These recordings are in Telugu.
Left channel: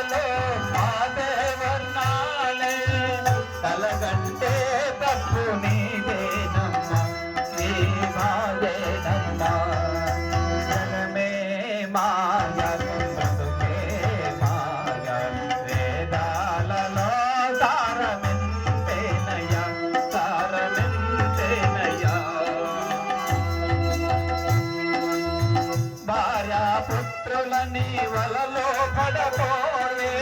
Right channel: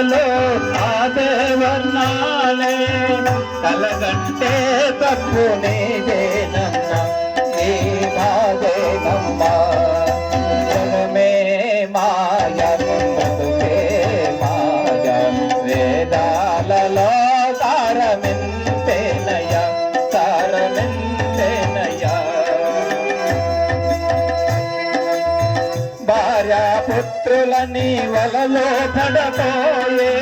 కలలో ఆదే వర్ణాలే కలగంటే తప్పు నీదేనమ్మ ఈ బాధేనమ్మ జగమే మాయ బతుకే మాయ వేదాలలో సారమెంతేనయ సారమెంతేనయ భార్యా పుత్రులని వలలో పడపోయే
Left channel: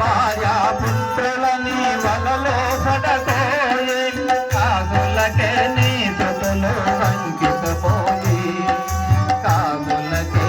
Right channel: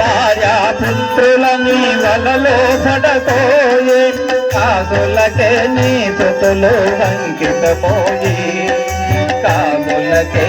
భార్యా పుత్రులని వలలో పడపోయే కాదులకే నీ సుతులు అంకితమోయి కాదులకే